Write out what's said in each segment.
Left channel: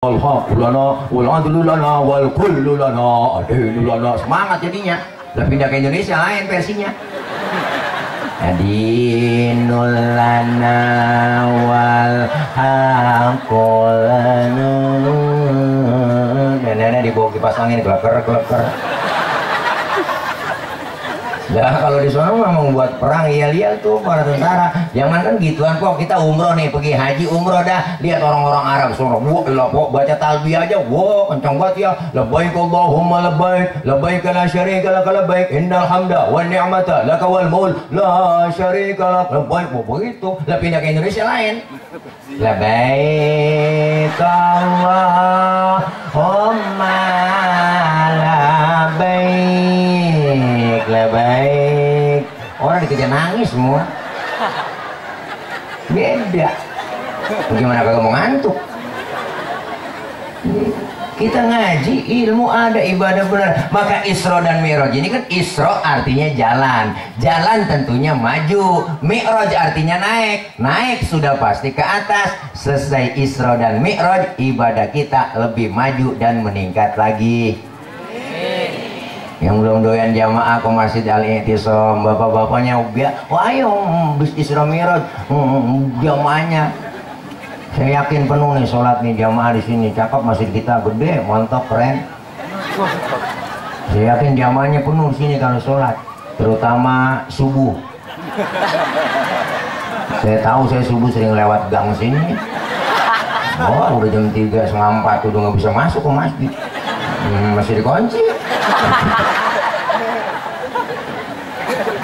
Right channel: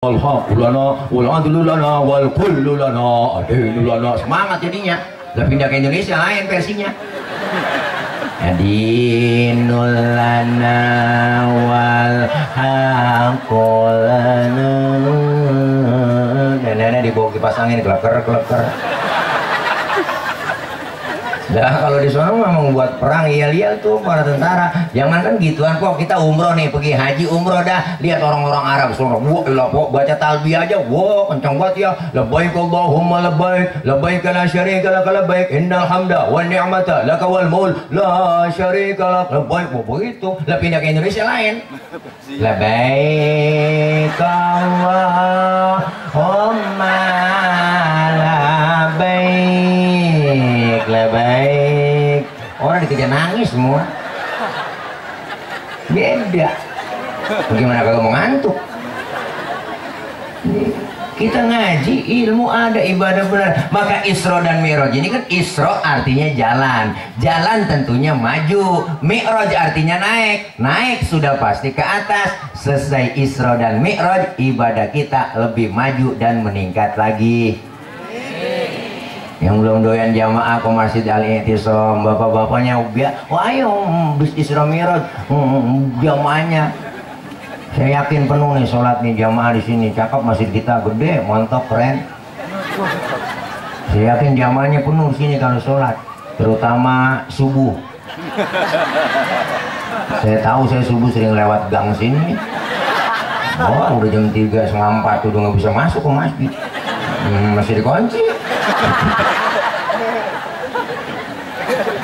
Al-haq lana wal adlu lana wal kullu lana adinu lana. Semangat jadinya. Lah pindah ke Indonesia lain versinya. Adinul lana wal haqqul lana. Dan dibawa dipasangin kleker-kleker. Nah kalau di sana memang buat perang iya-iya tuh para tentara. Jangan kan gituan kok, kita umroh nih, pergi haji umroh dah. Lihat orang-orang Arab semua, wah baca talbiyah aja, wah kencang banget ya. Labbaik Allahumma labbaik, labbaik la syarika lak labbaik, innal hamda wan ni'mata laka wal mulk la syarika lak labbaik. Begitu. Lah pindah ke Indonesia lain. Labbaik Allahumma labbaik, labbaik. Orang dikejar nangis semua. Beda. Bagaimana kalau mau ngantuk? Kita ngaji ilmu ada, ibadah benar. Maka Isra dan Mi'raj ini kan, Isra artinya jalan, jalan tentunya maju. Mi'raj artinya naik, naik sudah pasti ke atas. Selesai Isra dan Mi'raj, ibadah kita lebih maju dan meningkat lagi. Yang belum doyan jamaah ke Masjid Al-I'tisam, bapak-bapaknya wah ayo bis Isra Mi'raj, jamaahnya. Saya yakin penuh nih sholat nih jamaah di sini. Cakep masjid kita, gede, mantap, keren. Saya yakin jamaahnya penuh di sini kalau sholat, terutama subuh. Saya tahu, saya subuh sering lewat gang sini. Oh, udah jam 3:30 udah nggak bisa masuk ke masjid. Masih dikunci.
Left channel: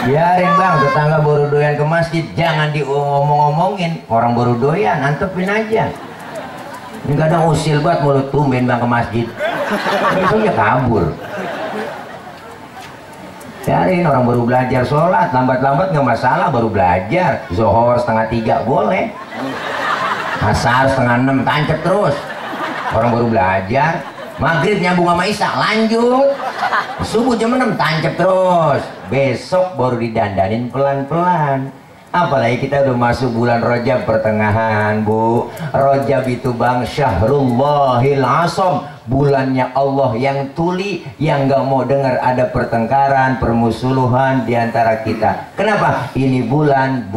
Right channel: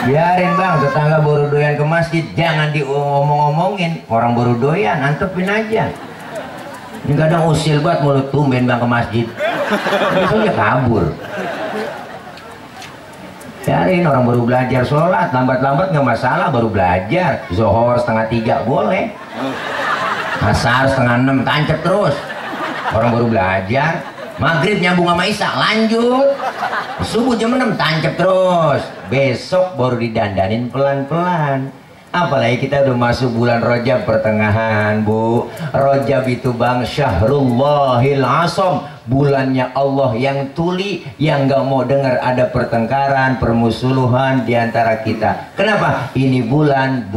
Biarin bang, tetangga baru doyan ke masjid, jangan diomong-omongin. Orang baru doyan, antepin aja. Ini kadang usil banget mulut, tumben bang ke masjid. Besoknya kabur. Biarin orang baru belajar sholat, lambat-lambat nggak masalah, baru belajar. Zohor 2:30 boleh. Asar 5:30 tancap terus. Orang baru belajar. Maghrib nyambung sama Isya, lanjut. Subuh jam 6 tancap terus. Besok baru didandanin pelan-pelan. Apalagi kita udah masuk bulan Rajab pertengahan, Bu. Rajab itu bang Syahrullahil Asam, bulannya Allah yang tuli, yang gak mau dengar ada pertengkaran, permusuhan di antara kita. Kenapa? Ini bulan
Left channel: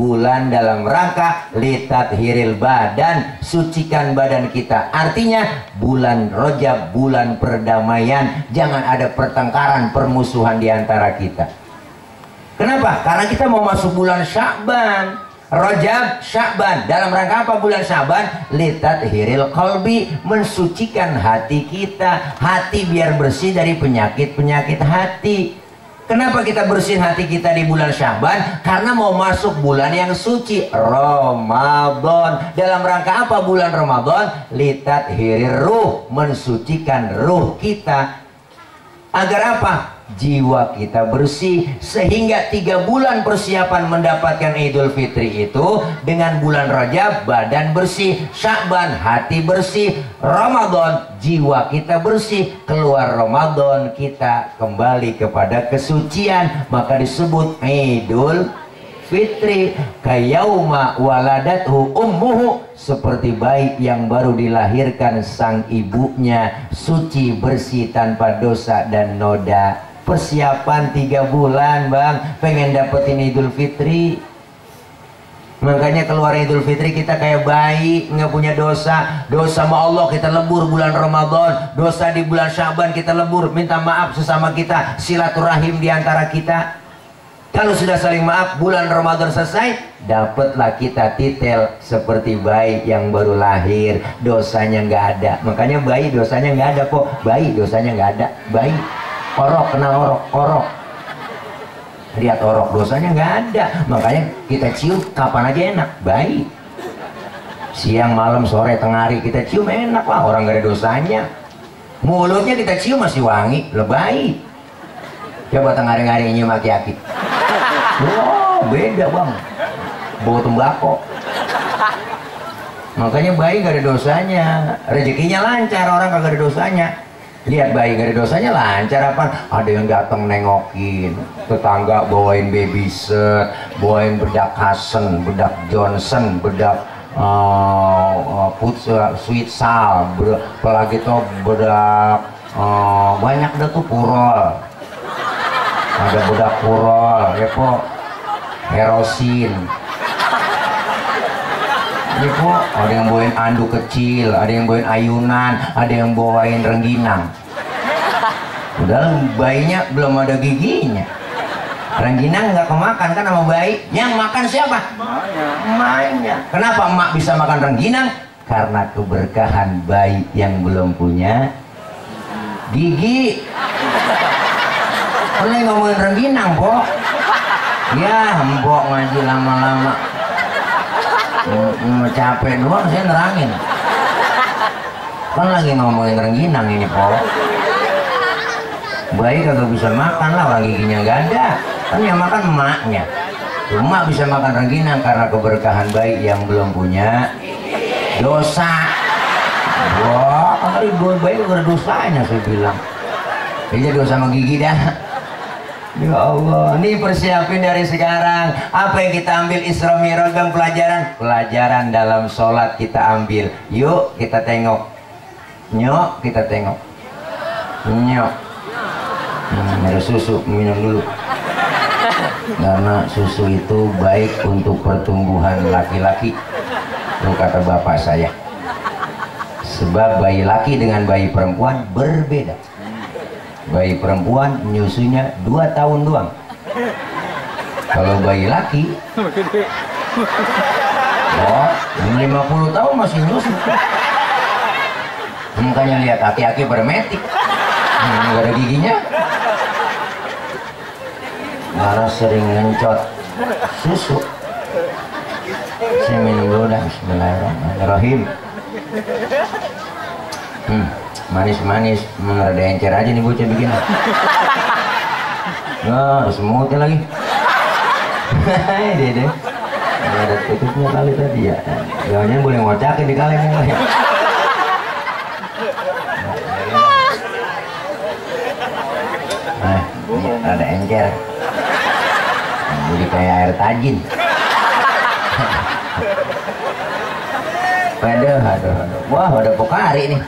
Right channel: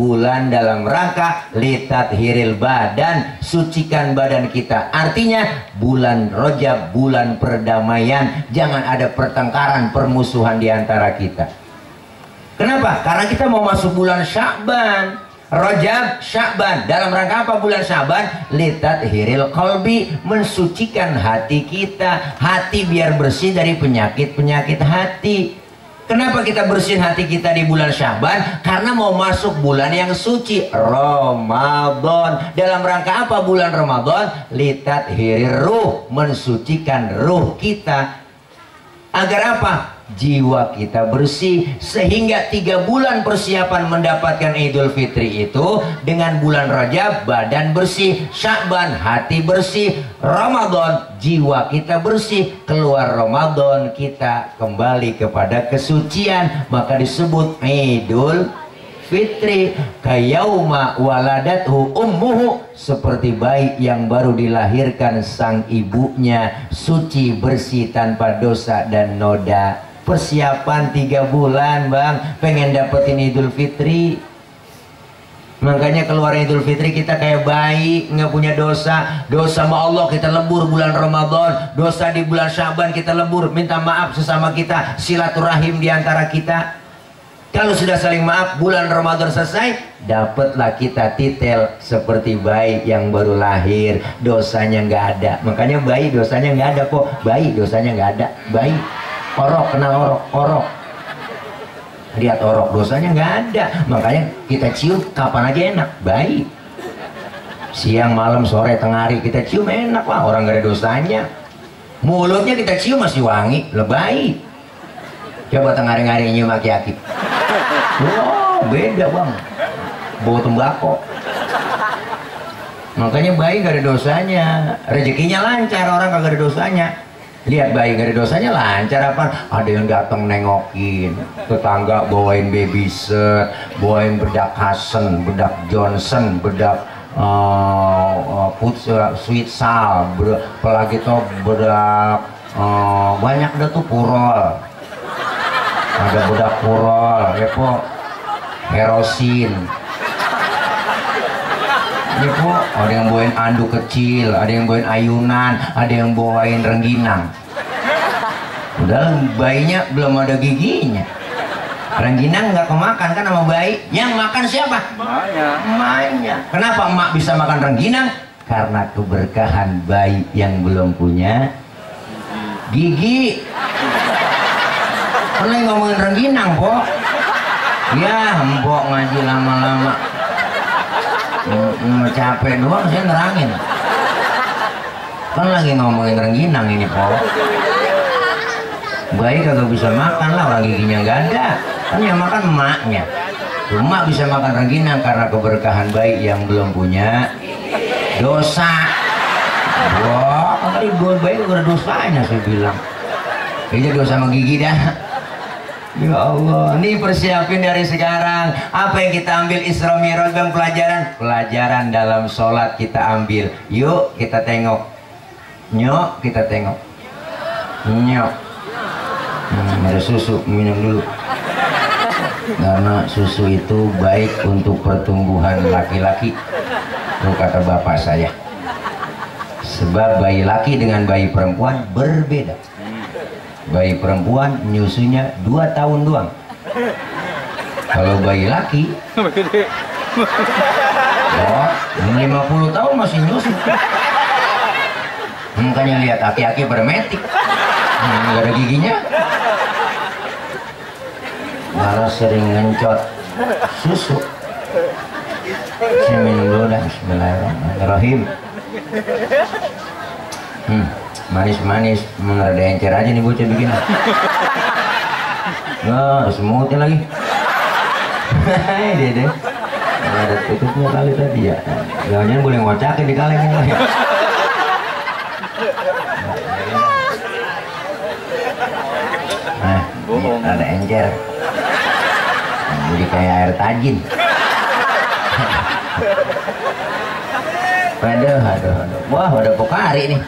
dalam rangka litat hiril badan, sucikan badan kita. Artinya bulan Rajab, bulan perdamaian. Jangan ada pertengkaran, permusuhan di antara kita. Kenapa? Karena kita mau masuk bulan Sya'ban. Rajab, Sya'ban. Dalam rangka apa bulan Sya'ban? Litat hiril qalbi, mensucikan hati kita. Hati biar bersih dari penyakit-penyakit hati. Kenapa kita bersihin hati kita di bulan Sya'ban? Karena mau masuk bulan yang suci, Ramadan. Dalam rangka apa bulan Ramadan? Litat hiril ruh, mensucikan ruh kita. Agar apa? Jiwa kita bersih, sehingga 3 bulan persiapan mendapatkan Idul Fitri itu, dengan bulan Rajab badan bersih, Sya'ban hati bersih, Ramadan jiwa kita bersih, keluar Ramadan kita kembali kepada kesucian, maka disebut Idul Fitri. Kayauma waladathu ummuhu, seperti bayi yang baru dilahirkan sang ibunya, suci bersih tanpa dosa dan noda. Persiapan 3 bulan bang, pengen dapetin Idul Fitri. Makanya keluar Idul Fitri kita kayak bayi, nggak punya dosa. Dosa sama Allah kita lebur bulan Ramadan, dosa di bulan Sya'ban kita lebur, minta maaf sesama kita, silaturahim di antara kita. Kalau sudah saling maaf, bulan Ramadan selesai, dapatlah kita titel seperti bayi yang baru lahir, dosanya nggak ada. Makanya bayi dosanya nggak ada kok, bayi dosanya nggak ada, bayi. Orok, kenal orok. Lihat orok, dosanya nggak ada. Makanya kita cium kapan aja enak, baik. Siang, malam, sore, tengah hari kita cium enak lah, orang nggak ada dosanya. Mulutnya kita cium masih wangi, lebay. Coba tengah hari nyium aki-aki. Wow, beda bang. Bawa tembakau. Makanya bayi nggak ada dosanya, rezekinya lancar, orang kagak ada dosanya. Lihat bayi gak ada dosanya lancar apa? Ada yang datang nengokin, tetangga bawain baby set, bawain bedak Hasan, bedak Johnson, bedak sweet sal, apalagi tuh bedak banyak dah tuh purol, ada bedak purol, ya po, herosin, ya po, ada yang bawain anduk kecil, ada yang bawain ayunan, ada yang bawain rengginang. Udah bayinya belum ada giginya. Rengginang nggak kemakan kan sama bayi. Yang makan siapa? Emaknya. Kenapa emak bisa makan rengginang? Karena keberkahan bayi yang belum punya gigi. Pernah ngomongin rengginang, po? Ya, mbok ngaji lama-lama. Capek doang saya nerangin. Kan lagi ngomongin rengginang ini, po. Bayi kagak bisa makan lah, orang giginya nggak ada. Kan yang makan emaknya. Emak bisa makan rengginang karena keberkahan bayi yang belum punya dosa. Wah, kali gue bayi udah dosanya saya bilang. Iya dosa sama gigi dah. Ya Allah, ini persiapin dari sekarang. Apa yang kita ambil Isra Mi'raj dan pelajaran dalam sholat kita ambil. Yuk kita tengok. Nyok kita tengok. Nyok. Ada susu, minum dulu. Karena susu itu baik untuk pertumbuhan laki-laki. Itu kata bapak saya. Sebab bayi laki dengan bayi perempuan berbeda. Bayi perempuan nyusunya 2 tahun doang. Kalau bayi laki, oh, 50 tahun masih nyusu. Makanya lihat aki-aki bermetik, nggak ada giginya. Malah sering ngencot susu. Saya minum dulu dah. Bismillahirrahmanirrahim. Manis-manis, rada encer aja nih bocah bikin. Wah, semutnya lagi. Dia deh. Ada tutupnya kali tadi ya. Jangan-jangan boleh ngocakin di kalengnya lagi. Nah, ini rada encer. Jadi kayak air tajin. Aduh. Wah, ada Pokari nih.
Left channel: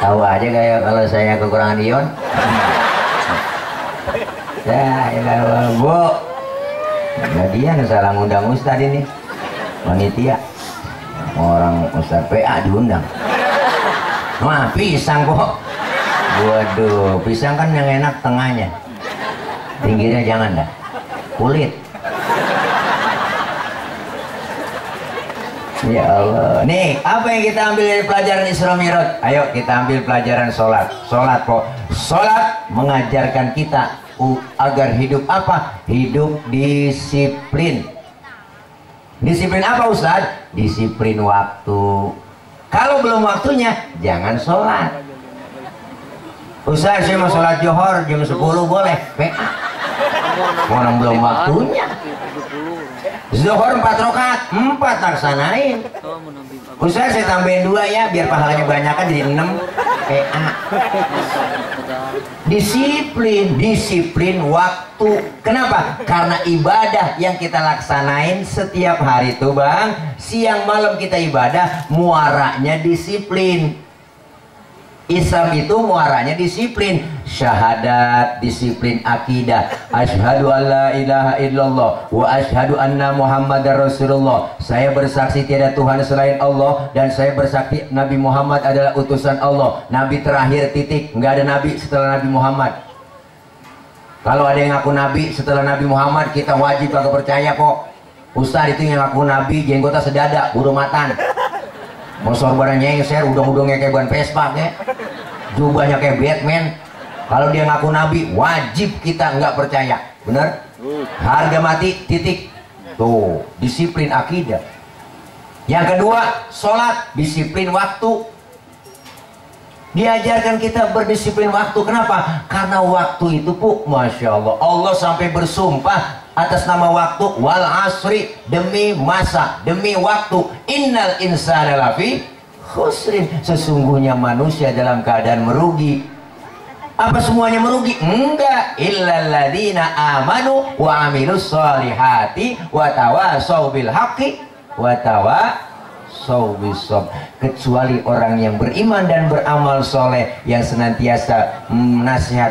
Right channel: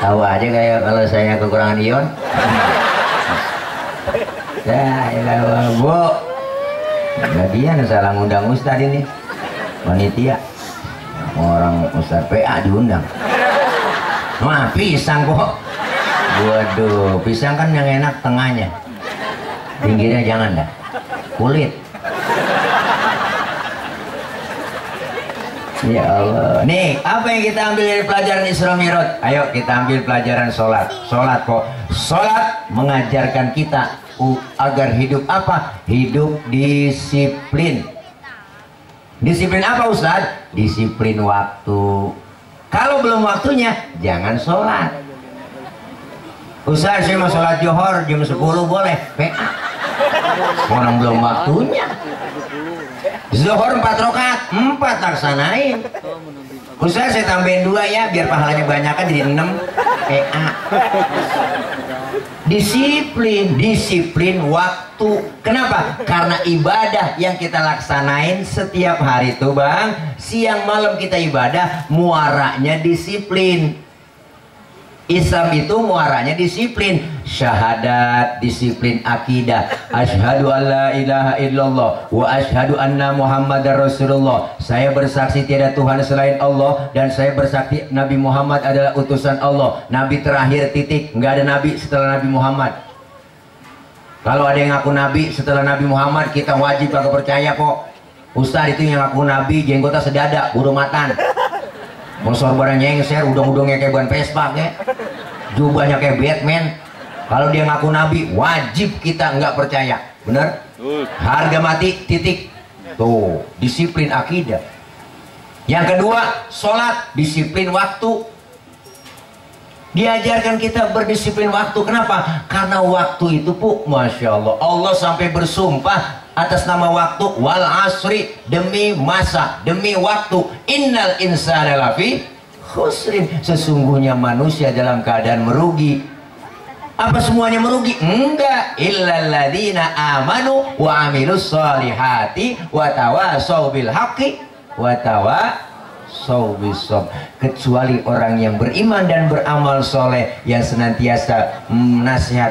Tahu aja kayak kalau saya kekurangan ion. Ya, Bu. Bagian salah ngundang Ustadz ini. Panitia. Orang Ustadz PA diundang. Wah, pisang kok. Waduh, pisang kan yang enak tengahnya. Pinggirnya jangan dah. Kulit. Ya Allah. Nih, apa yang kita ambil dari pelajaran Isra Mi'raj? Ayo kita ambil pelajaran sholat. Sholat kok. Sholat mengajarkan kita agar hidup apa? Hidup disiplin. Disiplin apa Ustaz? Disiplin waktu. Kalau belum waktunya, jangan sholat. Ustaz, saya mau sholat Johor jam 10 boleh? PA. Orang belum waktunya. Zuhur 4 rakaat, 4 laksanain. Ustaz saya tambahin 2 ya biar pahalanya banyak kan jadi 6. PA. Disiplin waktu. Kenapa? Karena ibadah yang kita laksanain setiap hari itu Bang, siang malam kita ibadah, muaranya disiplin. Islam itu muaranya disiplin. Syahadat, disiplin akidah. Asyhadu an la ilaha illallah wa asyhadu anna Muhammadar Rasulullah. Saya bersaksi tiada Tuhan selain Allah dan saya bersaksi Nabi Muhammad adalah utusan Allah. Nabi terakhir titik. Nggak ada nabi setelah Nabi Muhammad. Kalau ada yang ngaku nabi setelah Nabi Muhammad, kita wajib agak percaya kok. Ustaz itu yang ngaku nabi jenggotnya sedada, buru matan. Mosor barangnya nyengser, udang-udangnya kayak ban Vespa kayak. Jubahnya kayak Batman. Kalau dia ngaku nabi, wajib kita nggak percaya. Bener? Harga mati, titik. Tuh, disiplin akidah. Yang kedua, sholat, disiplin waktu. Diajarkan kita berdisiplin waktu. Kenapa? Karena waktu itu Masya Allah, Allah sampai bersumpah atas nama waktu, wal asri, demi masa, demi waktu, innal insana lafi khusrin, sesungguhnya manusia dalam keadaan merugi. Apa semuanya merugi? Enggak, illalladzina amanu wa amilus solihati wa tawasau bil haqqi wa tawassaw bis-sabr. Kecuali orang yang beriman dan beramal soleh yang senantiasa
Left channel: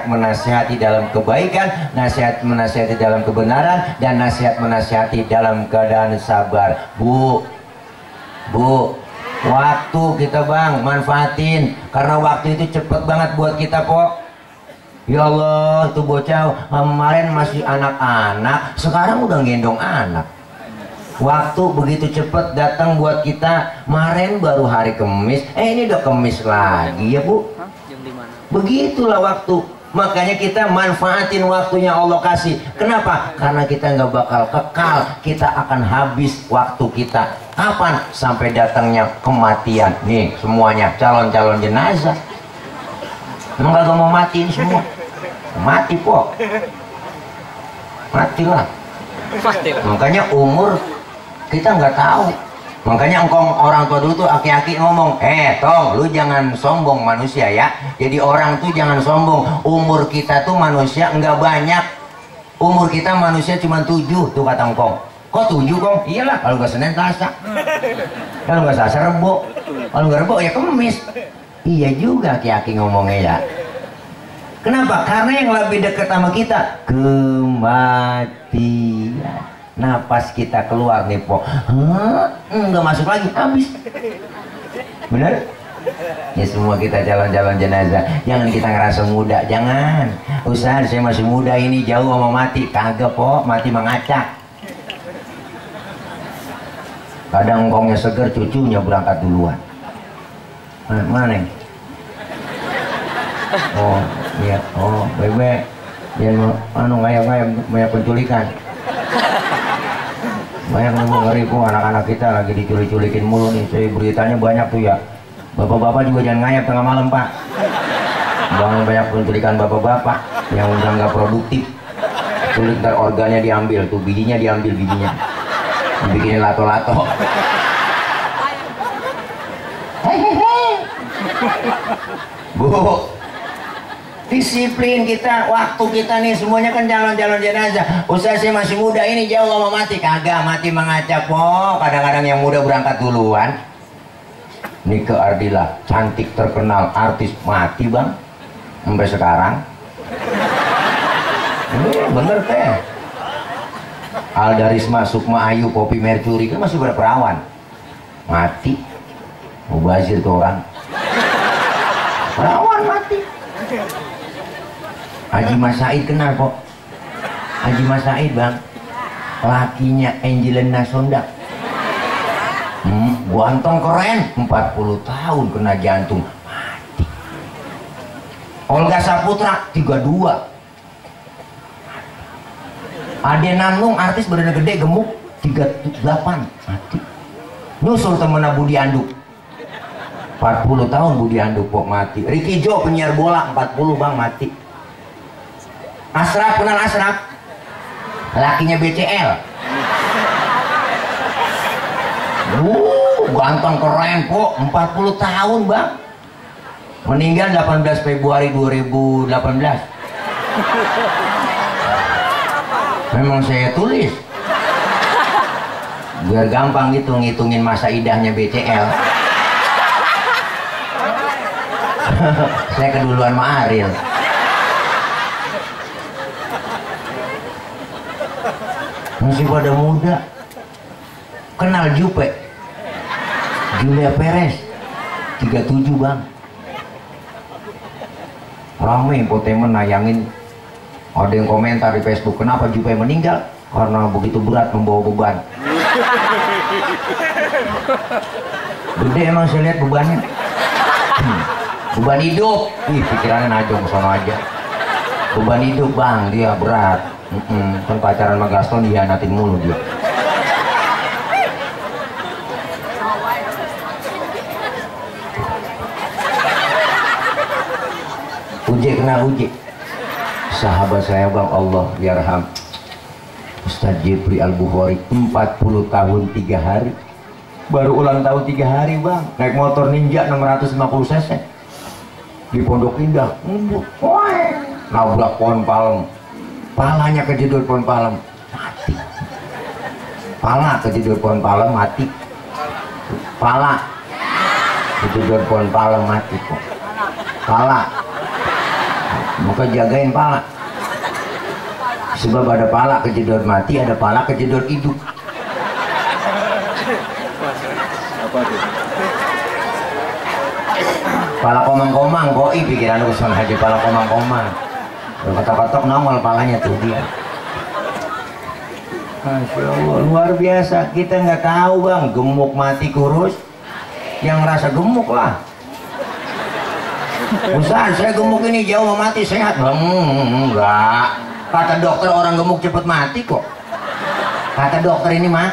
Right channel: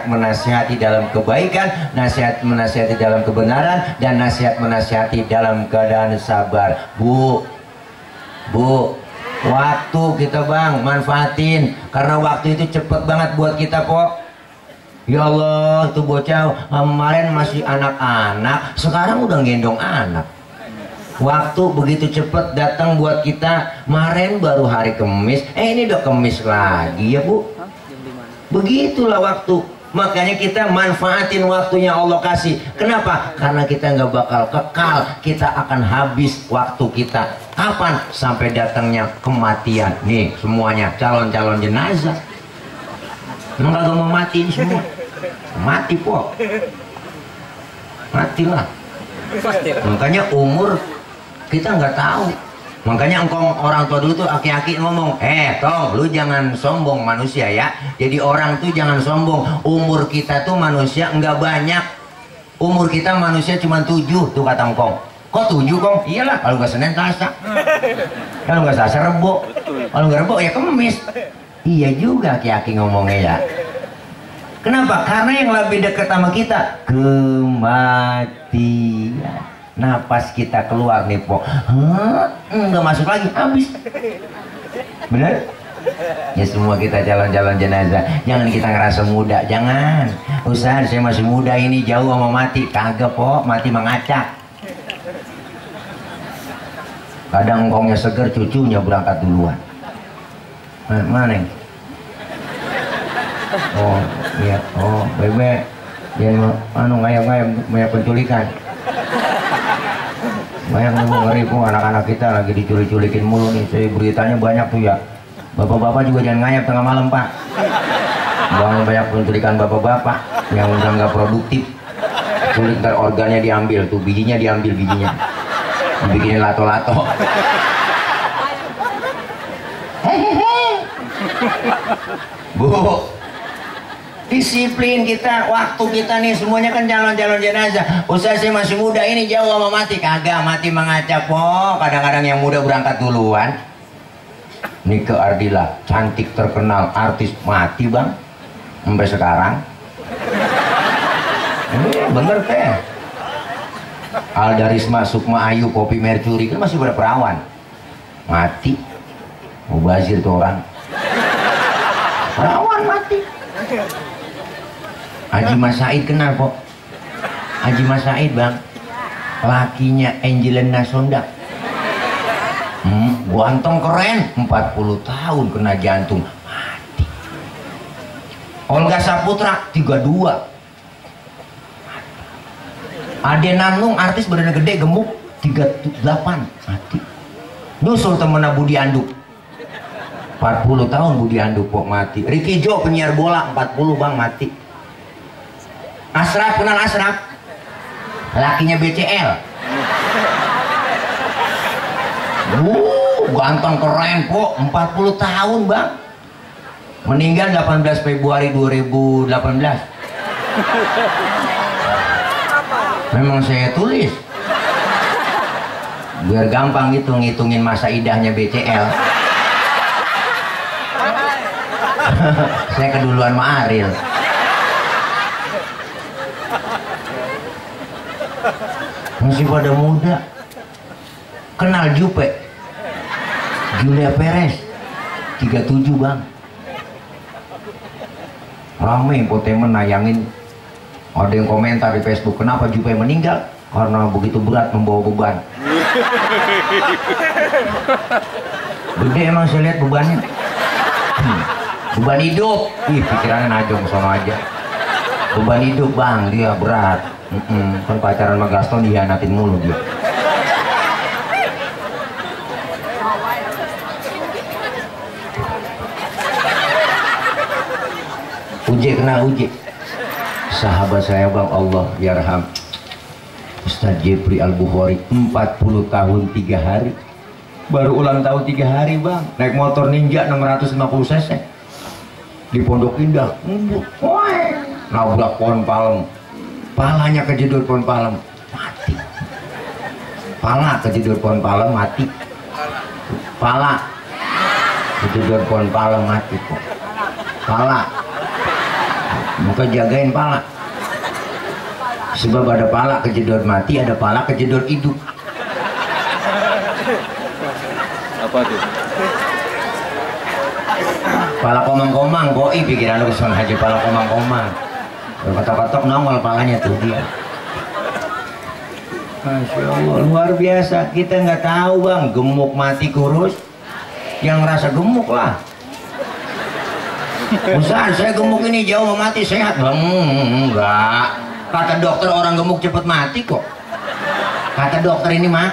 menasihati dalam kebaikan, nasihat menasihati dalam kebenaran, dan nasihat menasihati dalam keadaan sabar. Bu, waktu kita bang manfaatin, karena waktu itu cepet banget buat kita po. Ya Allah, tuh bocah kemarin masih anak-anak, sekarang udah gendong anak. Waktu begitu cepet datang buat kita. Kemarin baru hari Kemis, ini udah Kemis lagi ya bu. Begitulah waktu. Makanya kita manfaatin waktunya Allah kasih. Kenapa? Karena kita nggak bakal kekal, kita akan habis waktu kita. Kapan? Sampai datangnya kematian. Nih semuanya calon-calon jenazah. Emang kagak mau matiin semua? Mati po. Matilah. Makanya umur kita nggak tahu. Makanya engkong orang tua dulu tuh aki-aki ngomong, Tong, lu jangan sombong manusia ya. Jadi orang tuh jangan sombong. Umur kita tuh manusia nggak banyak. Umur kita manusia cuma 7 tuh kata engkong. Kok 7 kong? Iyalah, kalau nggak Senin Selasa. Kalau nggak Selasa Rebo. Kalau nggak Rebo ya Kemis. Iya juga aki-aki ngomongnya ya. Kenapa? Karena yang lebih dekat sama kita kematian. Napas kita keluar nih po, nggak masuk lagi, habis. Bener? Ya semua kita calon-calon jenazah. Jangan kita ngerasa muda, jangan. Ustaz, saya masih muda ini, jauh sama mati. Kagak po, mati mengacak. Kadang engkongnya seger, cucunya berangkat duluan. Mana? Oh iya, oh bebe, jangan banyak penculikan. Banyak nih ngeri po, anak-anak kita lagi diculik-culikin mulu nih. Saya beritanya banyak tuh ya. Bapak-bapak juga jangan ngayap tengah malam pak. Jangan banyak penculikan bapak-bapak yang udah nggak produktif. Culik ntar organnya diambil tuh, bijinya diambil bijinya, dibikinin lato-lato. Bu, disiplin kita, waktu kita nih semuanya kan calon-calon jenazah. Ustaz saya masih muda ini, jauh sama mati. Kagak, mati mengacak po. Kadang-kadang yang muda berangkat duluan. Nike Ardila, cantik terkenal artis, mati bang sampai sekarang. Ini bener teh. Alda Risma, Sukma Ayu, Poppy Mercury kan masih berperawan, mati. Mubazir tuh orang perawan mati. Haji Mas Said kenal kok. Haji Mas Said bang, lakinya Angelina Sondak. Ganteng keren, 40 tahun kena jantung, mati. Olga Saputra 32. Ade Namnung artis badannya gede gemuk 38, mati. Nyusul temennya Budi Anduk 40 tahun, Budi Anduk kok mati. Ricky Jo penyiar bola 40 bang, mati. Asraf, kenal Asraf? Lakinya BCL. Ganteng keren kok, 40 tahun bang. Meninggal 18 Februari 2018. Memang saya tulis biar gampang gitu ngitungin masa idahnya BCL. Saya keduluan sama Ariel. Masih pada muda. Kenal Jupe, Julia Perez 37 bang. Rame infotainment nayangin. Ada yang komentar di Facebook, kenapa Jupe meninggal? Karena begitu berat membawa beban. Gede emang saya lihat bebannya. Beban hidup, pikirannya najong sono aja. Beban hidup bang, dia berat. Kan pacaran sama Gaston dihianatin mulu dia. Uje kenal Uje, sahabat saya bang, Allah yarham, Ustaz Jepri Al-Bukhari, 40 tahun 3 hari. Baru ulang tahun 3 hari bang, naik motor Ninja 650 cc di Pondok Indah, nabrak pohon palem, palanya kejedot pohon palem, mati. Pala kejedot pohon pala mati. Pala kejedot pohon pala mati kok. Pala. Maka jagain pala. Sebab ada pala kejedot mati, ada pala kejedot hidup. Apa tuh? Pala komang-komang, boi pikiran lu kesana aja pala komang-komang. Kotak-kotak nongol palanya tuh dia. Masya Allah, luar biasa. Kita nggak tahu bang, gemuk mati kurus. Yang ngerasa gemuk lah. Ustaz, saya gemuk ini jauh mau mati sehat bang? Enggak. Kata dokter orang gemuk cepet mati kok. Kata dokter ini mah.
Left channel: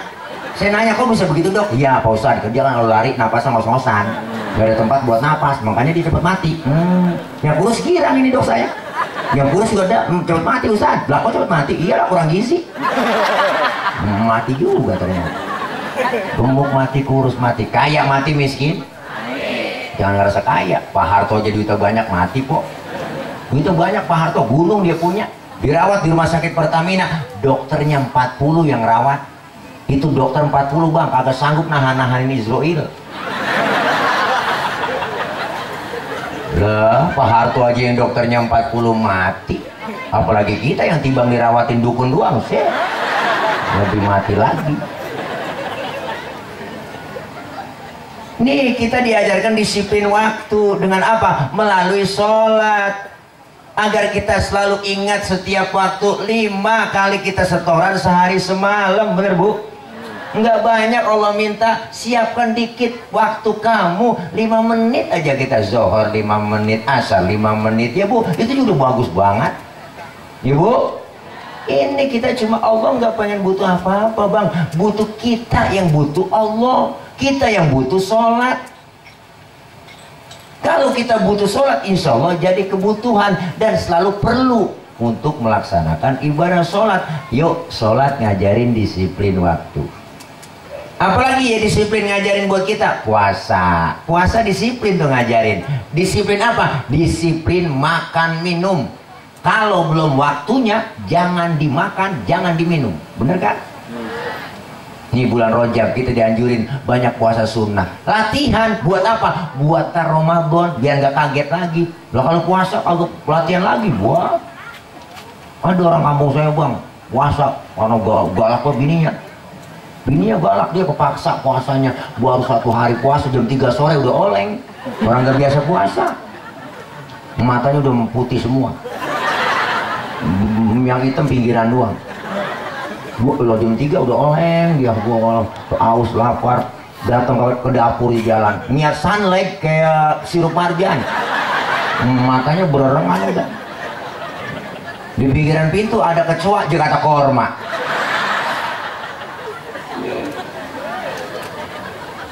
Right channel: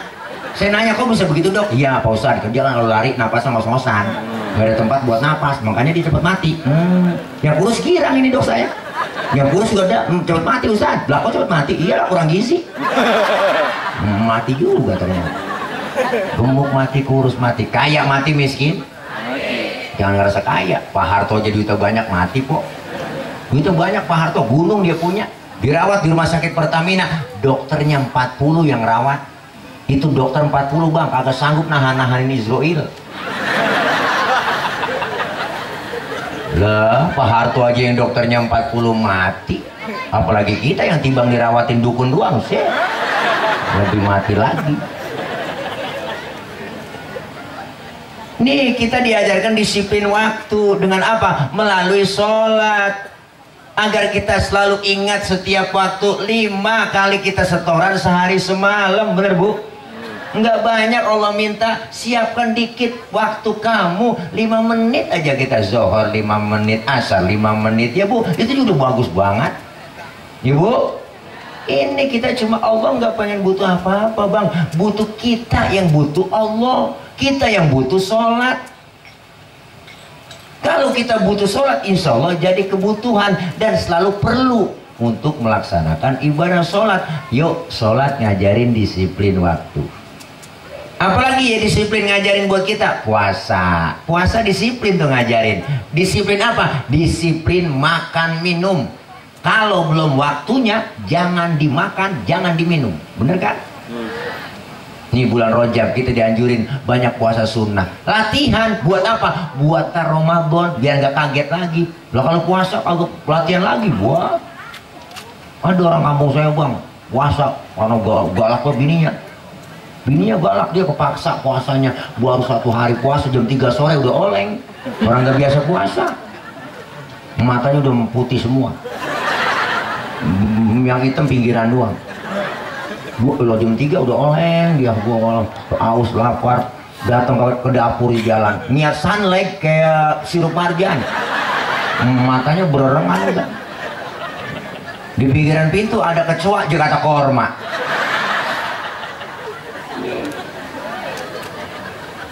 Saya nanya kok bisa begitu dok? Iya Pak Ustaz, kerja kalau lari napasnya ngos-ngosan. Gak ada tempat buat napas, makanya dia cepet mati. Yang kurus girang ini dok saya. Yang kurus juga ada, cepet mati Ustaz. Lah kok cepet mati? Iyalah kurang gizi. Mati juga ternyata. Gemuk mati, kurus mati, kaya mati, miskin. Jangan ngerasa kaya. Pak Harto aja duitnya banyak mati kok. Duitnya banyak Pak Harto, gunung dia punya. Dirawat di rumah sakit Pertamina, dokternya 40 yang rawat. Itu dokter 40 bang, kagak sanggup nahan-nahanin Israel. Lah, Pak Harto aja yang dokternya 40 mati. Apalagi kita yang timbang dirawatin dukun doang sih. Lebih mati lagi. Nih kita diajarkan disiplin waktu. Dengan apa? Melalui sholat. Agar kita selalu ingat setiap waktu. 5 kali kita setoran sehari semalam. Bener bu? Enggak banyak. Allah minta siapkan dikit waktu kamu. 5 menit aja kita zohor, 5 menit asar, 5 menit. Ya bu, itu juga bagus banget. Ya bu, ini kita cuma Allah nggak pengen butuh apa-apa bang. Butuh kita yang butuh Allah. Kita yang butuh sholat. Kalau kita butuh sholat, insya Allah jadi kebutuhan dan selalu perlu untuk melaksanakan ibadah sholat. Yuk sholat ngajarin disiplin waktu. Apalagi ya disiplin ngajarin buat kita? Puasa. Puasa disiplin tuh ngajarin. Disiplin apa? Disiplin makan minum. Kalau belum waktunya jangan dimakan, jangan diminum. Bener kan? Nih bulan Rajab kita dianjurin banyak puasa sunnah. Latihan buat apa? Buat Ramadan biar nggak kaget lagi. Lah kalau puasa kagak latihan lagi buat. Ada orang kampung saya bang puasa karena galak ke bininya. Bininya galak, dia kepaksa puasanya. Baru 1 hari puasa jam 3 sore udah oleng. Orang nggak biasa puasa. Matanya udah putih semua. Yang hitam pinggiran doang. Gua jam 3 udah oleng dia, gua aus lapar, datang ke dapur di jalan, niat sunlight kayak sirup marjan, matanya berengan udah. Di pinggiran pintu ada kecoa Jakarta korma.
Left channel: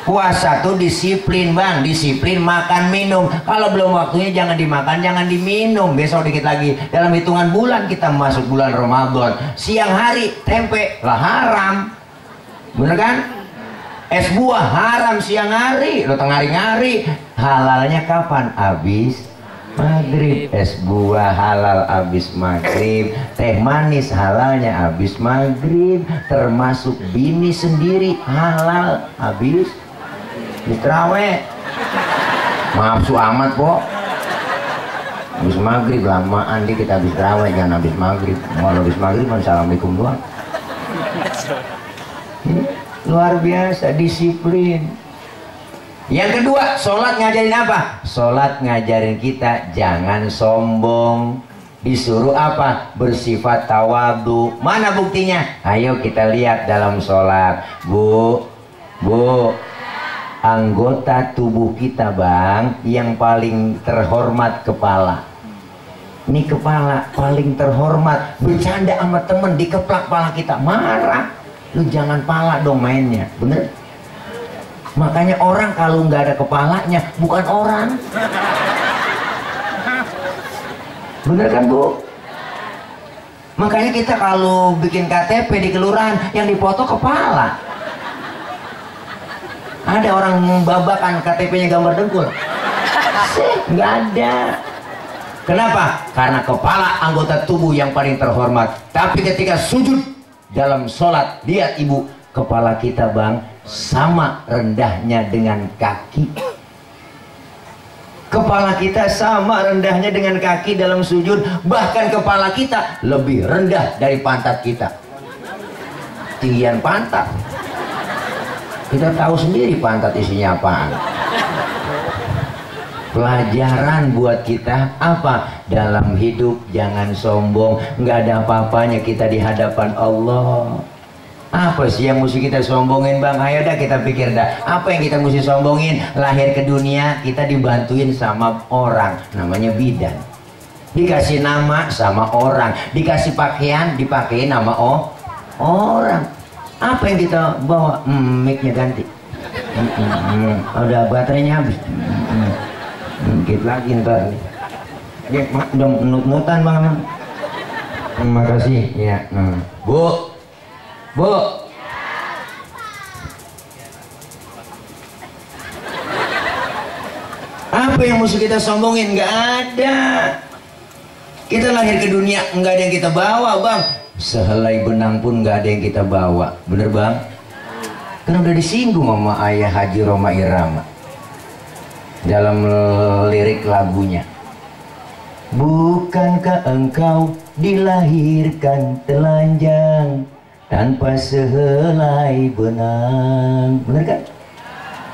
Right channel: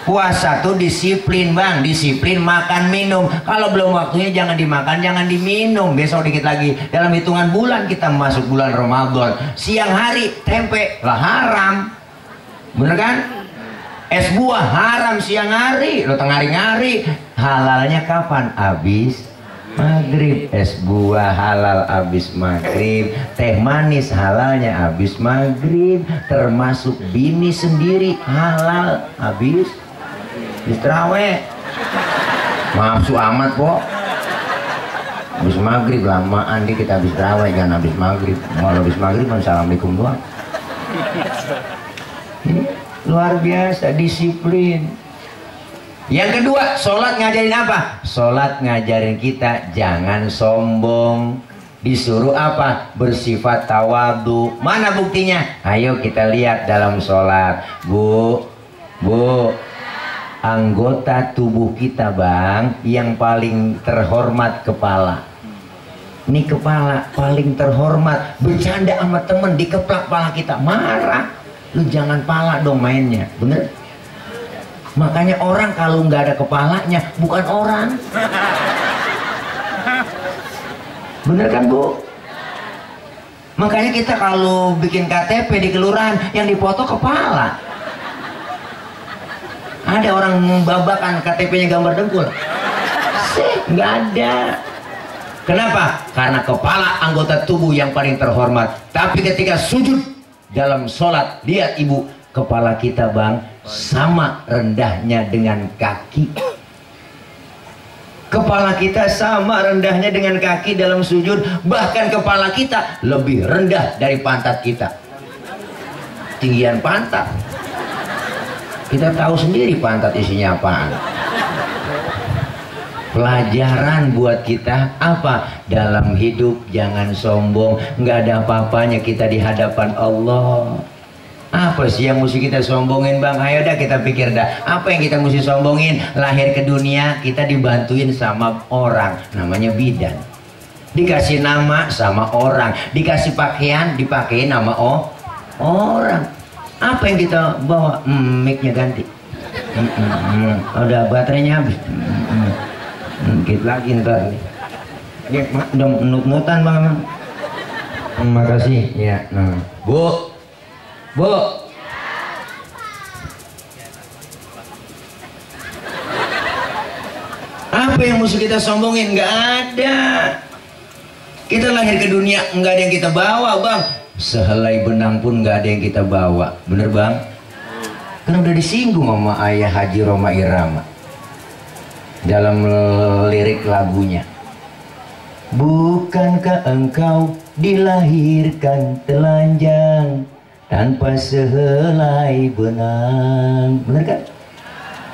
Puasa tuh disiplin bang, disiplin makan minum. Kalau belum waktunya jangan dimakan, jangan diminum. Besok dikit lagi dalam hitungan bulan kita masuk bulan Ramadan. Siang hari tempe lah haram, bener kan? Es buah haram siang hari, lo tengah hari. Halalnya kapan? Abis maghrib. Es buah halal abis maghrib. Teh manis halalnya abis maghrib. Termasuk bini sendiri halal abis terawih. Maaf su amat po. Habis maghrib lamaan dikit habis terawih, jangan habis maghrib. Mau habis maghrib assalamualaikum doang. Ini luar biasa disiplin. Yang kedua, sholat ngajarin apa? Sholat ngajarin kita jangan sombong. Disuruh apa? Bersifat tawadu. Mana buktinya? Ayo kita lihat dalam sholat. Bu, anggota tubuh kita bang yang paling terhormat kepala. Ini kepala paling terhormat. Bercanda sama temen dikeplak pala kita, marah. Lu jangan pala dong mainnya, bener? Makanya orang kalau nggak ada kepalanya bukan orang. Bener kan bu? Makanya kita kalau bikin KTP di kelurahan yang dipoto kepala. Ada orang membabakan KTP-nya gambar dengkul. Nggak ada. Kenapa? Karena kepala anggota tubuh yang paling terhormat. Tapi ketika sujud dalam sholat, lihat ibu, kepala kita bang sama rendahnya dengan kaki. Kepala kita sama rendahnya dengan kaki dalam sujud. Bahkan kepala kita lebih rendah dari pantat kita. Tinggian pantat. Kita tahu sendiri pantat isinya apaan. Pelajaran buat kita apa? Dalam hidup jangan sombong. Nggak ada apa-apanya kita di hadapan Allah. Apa sih yang mesti kita sombongin bang? Ayo dah kita pikir dah. Apa yang kita mesti sombongin? Lahir ke dunia kita dibantuin sama orang, namanya bidan. Dikasih nama sama orang, dikasih pakaian dipakein nama orang. Apa yang kita bawa? Mic-nya ganti. Udah baterainya habis. Dikit lagi ntar. Udah nut-nutan bang. Makasih ya. Bu. Apa yang mesti kita sombongin? Nggak ada. Kita lahir ke dunia nggak ada yang kita bawa bang. Sehelai benang pun nggak ada yang kita bawa. Bener bang? Kan udah disinggung sama ayah Haji Roma Irama dalam lirik lagunya. Bukankah engkau dilahirkan telanjang tanpa sehelai benang? Bener kan?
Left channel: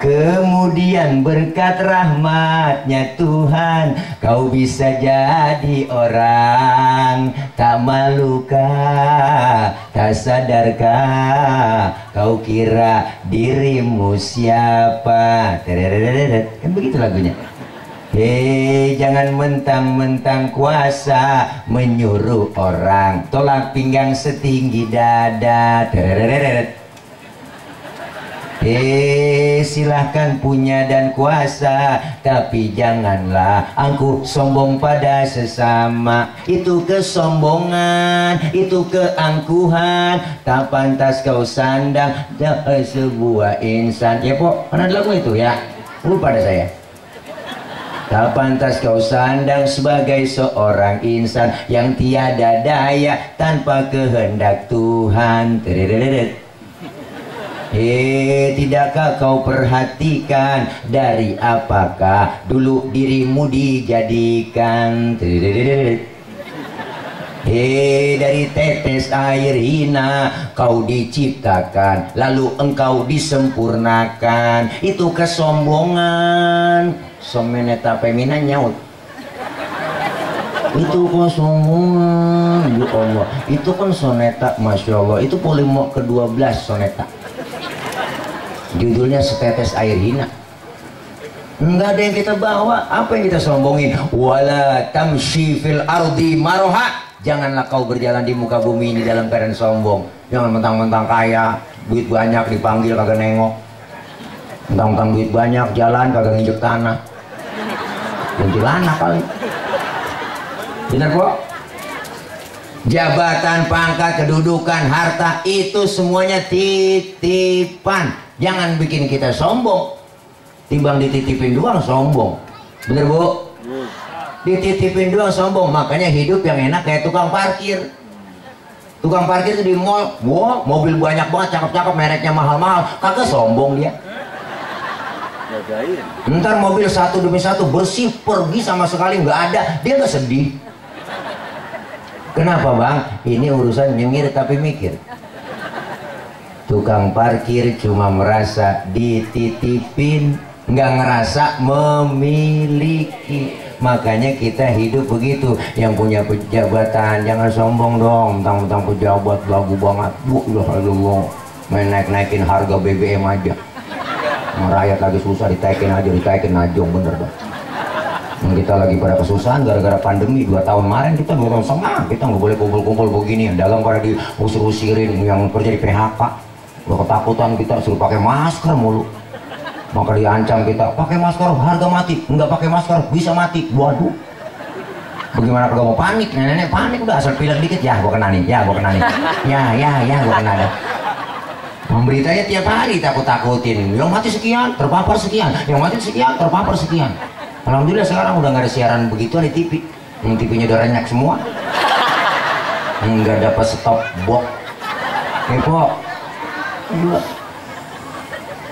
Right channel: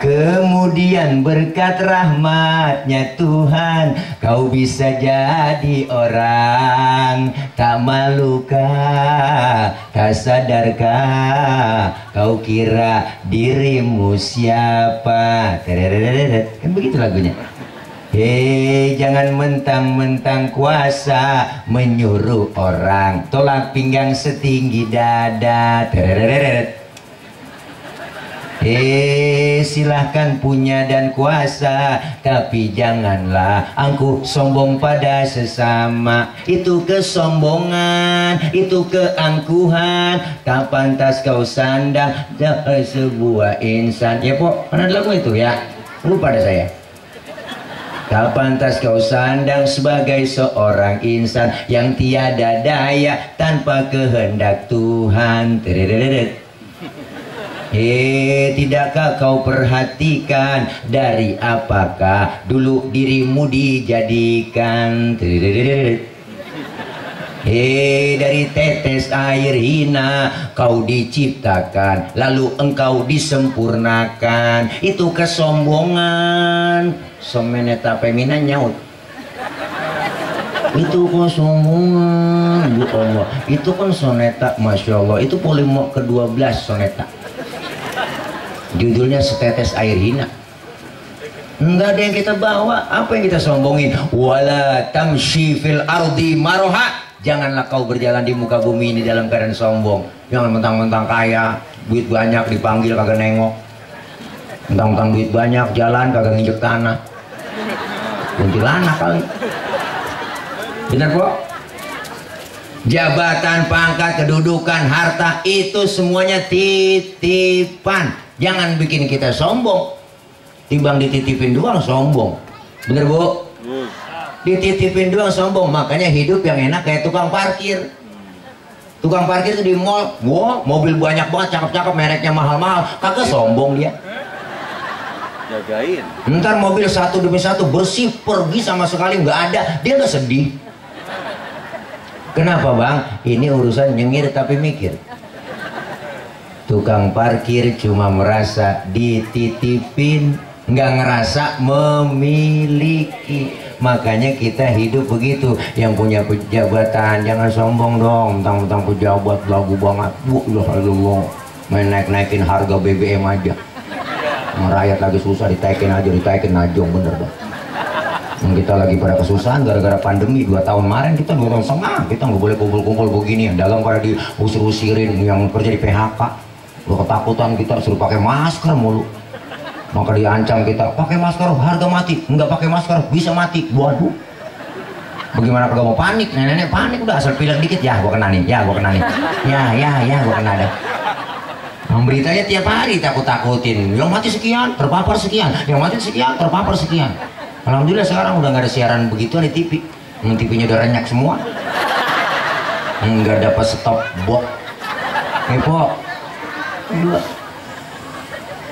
Kemudian berkat rahmatnya Tuhan kau bisa jadi orang. Tak malukah, tak sadarkah kau kira dirimu siapa? Kan begitu lagunya. Hei, jangan mentang-mentang kuasa menyuruh orang tolak pinggang setinggi dada. Silahkan punya dan kuasa, tapi janganlah angkuh sombong pada sesama. Itu kesombongan, itu keangkuhan, tak pantas kau sandang sebuah insan. Ya pok, mana lagu itu ya? Lupa pada saya. Tak pantas kau sandang sebagai seorang insan yang tiada daya tanpa kehendak Tuhan. Tidakkah kau perhatikan dari apakah dulu dirimu dijadikan? Dari tetes air hina kau diciptakan, lalu engkau disempurnakan. Itu kesombongan. Someneta femina nyaut. Itu kesombongan, ya Allah. Itu kan soneta, masya Allah. Itu polimo ke-12 soneta. Judulnya Setetes Air Hina. Enggak ada yang kita bawa. Apa yang kita sombongin? Wala tamshi fil ardi maroha. Janganlah kau berjalan di muka bumi ini dalam keadaan sombong. Jangan mentang-mentang kaya, duit banyak dipanggil kagak nengok. Mentang-mentang duit banyak jalan kagak nginjek tanah. Kuntilanak kali. Benar kok? Jabatan, pangkat, kedudukan, harta itu semuanya titipan. Jangan bikin kita sombong. Timbang dititipin doang sombong. Bener bu? Dititipin doang sombong. Makanya hidup yang enak kayak tukang parkir. Tukang parkir itu di mall, wow, mobil banyak banget, cakep-cakep, mereknya mahal-mahal. Kagak sombong dia. Jagain. Ntar mobil satu demi satu bersih, pergi sama sekali nggak ada, dia nggak sedih. Kenapa bang? Ini urusan nyengir tapi mikir. Tukang parkir cuma merasa dititipin, nggak ngerasa memiliki. Makanya kita hidup begitu. Yang punya jabatan jangan sombong dong. Mentang-mentang pejabat lagu banget. Allah, main naik-naikin harga BBM aja. Rakyat lagi susah ditaikin aja, bener bang. Kita lagi pada kesusahan gara-gara pandemi 2 tahun kemarin, kita 2 tahun setengah kita nggak boleh kumpul-kumpul begini. Dagang pada diusir-usirin, yang kerja di PHK. Udah ketakutan kita suruh pakai masker mulu. Maka diancam kita pakai masker harga mati, nggak pakai masker bisa mati. Waduh, bagaimana kagak mau panik? Nenek panik udah asal pilek dikit ya gua kena nih, ya gua kena nih, ya gua kena dah. Memberitanya tiap hari takut-takutin, yang mati sekian terpapar sekian, yang mati sekian terpapar sekian. Alhamdulillah sekarang udah nggak ada siaran begituan di TV. TV-nya udah renyak semua, nggak dapat stop box. Kepo,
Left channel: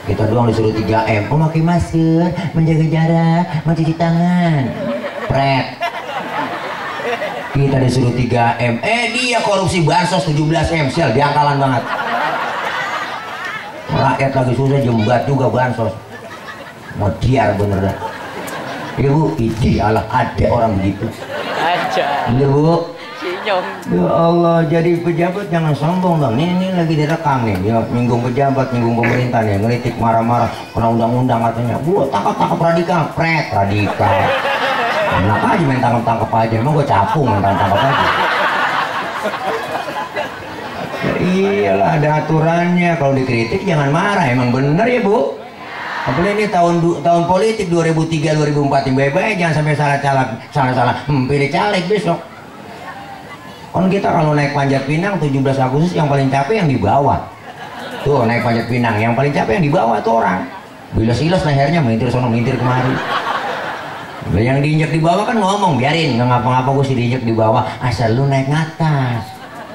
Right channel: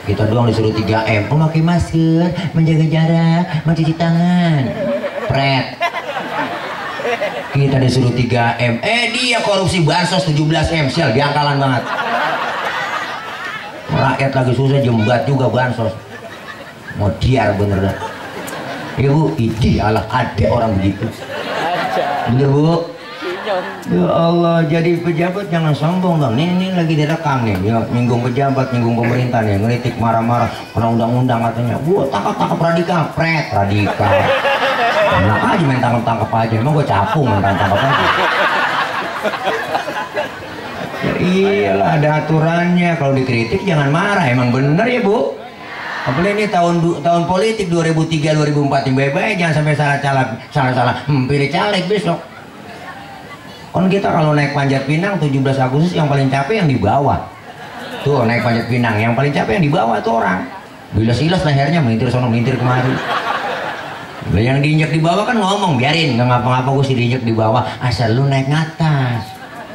Kita doang disuruh 3M, memakai masker, menjaga jarak, mencuci tangan. Pret. Kita disuruh 3M, dia korupsi bansos 17M, sial, diangkalan banget. Rakyat lagi susah jembat juga bansos. Mau diar bener dah. Ibu, idih alah ada orang begitu. Aja. Bener Bu? Sinyong. Ya Allah, jadi pejabat jangan sombong bang. Ini lagi direkam nih, ya, nyinggung pejabat, nyinggung pemerintah nih, ngeritik marah-marah, orang undang-undang katanya. Gua tangkap radikal, pret radikal. Enak aja main tangkap aja, emang gua capung main tangkap aja. Ya iyalah, ada aturannya. Kalau dikritik jangan marah, emang bener ya Bu. Apalagi ini tahun politik 2003-2004, baik-baik jangan sampai salah pilih caleg besok. Kan kita kalau naik Panjat Pinang 17 Agustus yang paling capek yang di bawah. Tuh naik Panjat Pinang yang paling capek yang di bawah tuh orang. Bilas-bilas lehernya melintir sono melintir kemari. Yang diinjak di bawah kan ngomong biarin nggak ngapa-ngapa gue sih diinjak di bawah asal lu naik ngatas.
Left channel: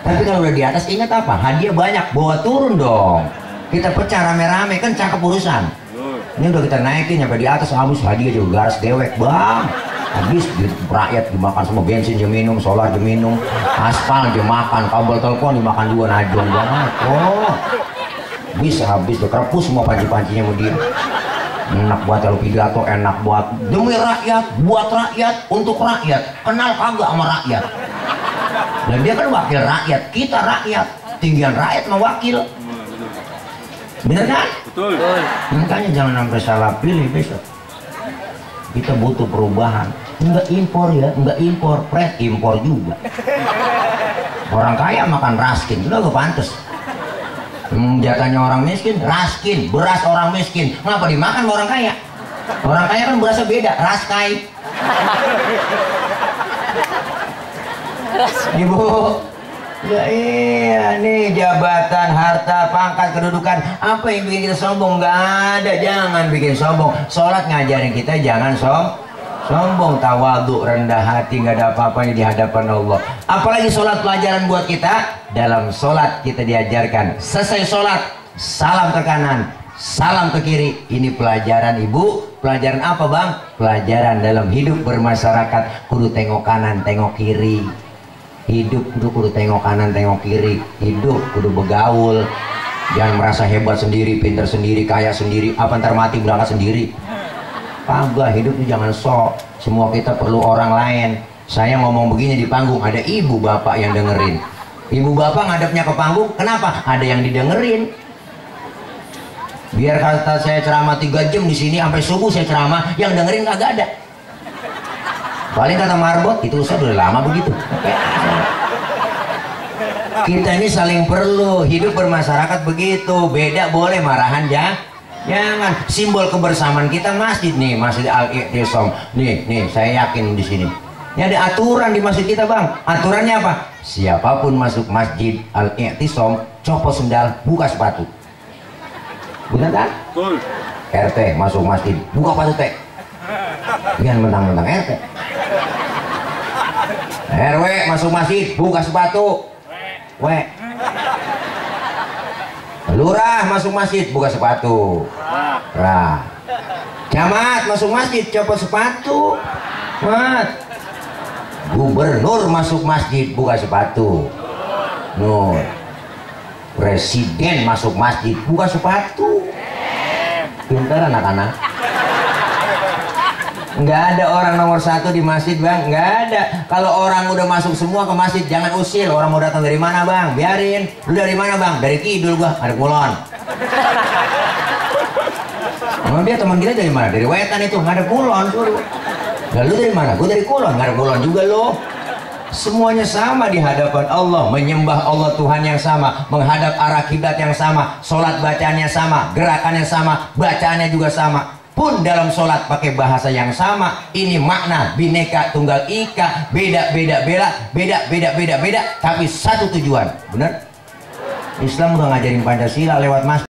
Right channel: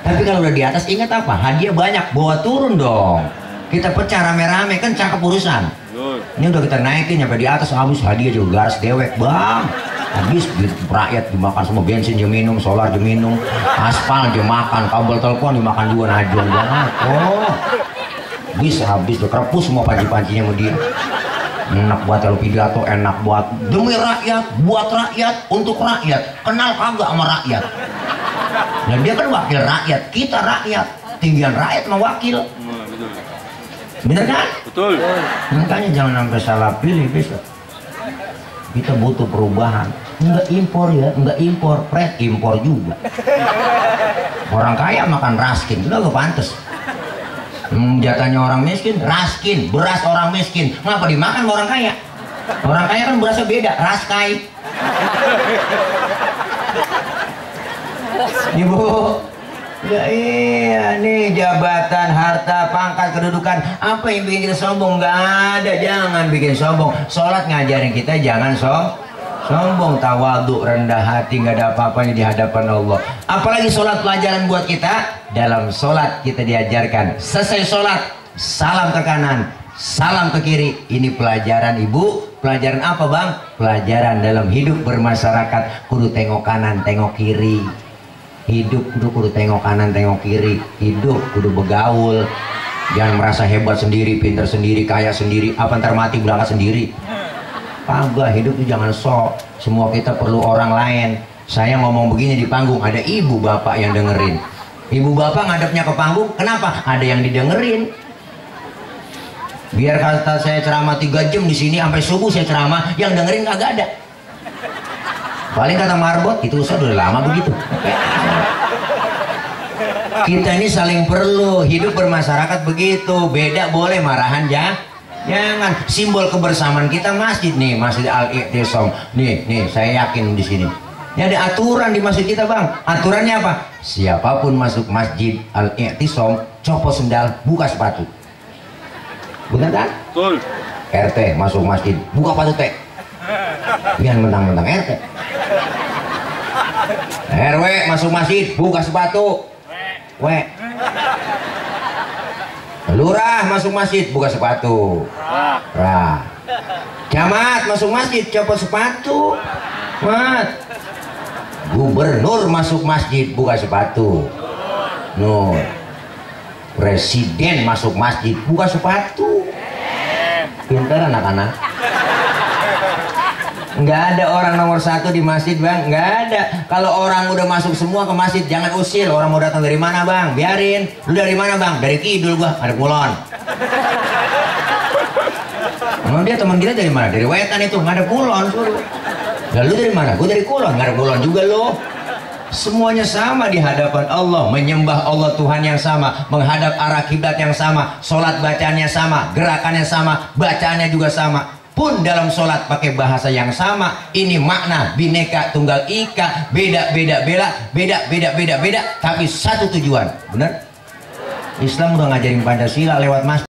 Tapi kalau udah di atas ingat apa? Hadiah banyak, bawa turun dong. Kita pecah rame-rame kan cakep urusan. Ini udah kita naikin sampai di atas habis hadiah juga garas dewek bang. Habis rakyat dimakan semua, bensin dia minum, solar dia minum, aspal dia makan, kabel telepon dimakan juga, najong banget. Oh, bisa habis tuh kerepus semua panci-pancinya sama dia. Enak buat kalau pidato, enak buat demi rakyat, buat rakyat, untuk rakyat. Kenal kagak sama rakyat? Dan dia kan wakil rakyat, kita rakyat, tinggian rakyat sama wakil. Bener kan? Betul. Makanya jangan sampai salah pilih besok. Kita butuh perubahan. Enggak impor ya, enggak impor, pret impor juga. Orang kaya makan raskin, udah gak pantas. Jatahnya orang miskin, raskin, beras orang miskin. Ngapa dimakan orang kaya? Orang kaya kan berasnya beda, raskai. Ibu, ya iya nih jabatan, harta, pangkat, kedudukan. Apa yang bikin kita sombong? Nggak ada, jangan bikin sombong. Sholat ngajarin kita jangan sombong, tawadhu, rendah hati, nggak ada apa-apanya di hadapan Allah. Apalagi sholat pelajaran buat kita. Dalam sholat kita diajarkan, selesai sholat, salam ke kanan, salam ke kiri. Ini pelajaran ibu. Pelajaran apa bang? Pelajaran dalam hidup bermasyarakat. Kudu tengok kanan, tengok kiri. Hidup kudu tengok kanan, tengok kiri. Hidup kudu begaul. Jangan merasa hebat sendiri, pinter sendiri, kaya sendiri. Apa ntar mati berangkat sendiri? Kagak, hidup itu jangan sok. Semua kita perlu orang lain. Saya ngomong begini di panggung, ada ibu bapak yang dengerin. Ibu bapak ngadepnya ke panggung, kenapa? Ada yang didengerin. Biar kata saya ceramah 3 jam di sini sampai subuh saya ceramah, yang dengerin kagak ada. Paling kata Marbot, itu udah lama begitu. Kita ini saling perlu, hidup bermasyarakat begitu. Beda boleh, marahan ya. Jangan. Simbol kebersamaan kita masjid nih, Masjid Al-I'tisam. Nih, saya yakin di sini. Ini ada aturan di masjid kita bang. Aturannya apa? Siapapun masuk Masjid Al-I'tisam, copot sendal, buka sepatu. Benar kan? Betul. RT masuk masjid, buka sepatu teh. Yang mentang-mentang RT. RW masuk masjid, buka sepatu. Lurah masuk masjid, buka sepatu. Camat masuk masjid, copot sepatu. Gubernur masuk masjid, buka sepatu. Presiden masuk masjid, buka sepatu. Pintar anak-anak. Nggak ada orang nomor 1 di masjid bang, nggak ada. Kalau orang udah masuk semua ke masjid, jangan usil. Orang mau datang dari mana bang, biarin. Lu dari mana bang? Dari Kidul gua, ada Kulon. Dia teman kita dari mana? Dari Wetan itu, nggak ada Kulon. Lalu dari mana? Gua dari Kulon, nggak ada Kulon juga lo. Semuanya sama di hadapan Allah, menyembah Allah Tuhan yang sama, menghadap arah kiblat yang sama, sholat bacaannya sama, gerakannya sama, bacaannya juga sama. Pun dalam sholat pakai bahasa yang sama. Ini makna bineka tunggal ika, beda, tapi satu tujuan. Benar? Islam udah ngajarin Pancasila lewat masjid.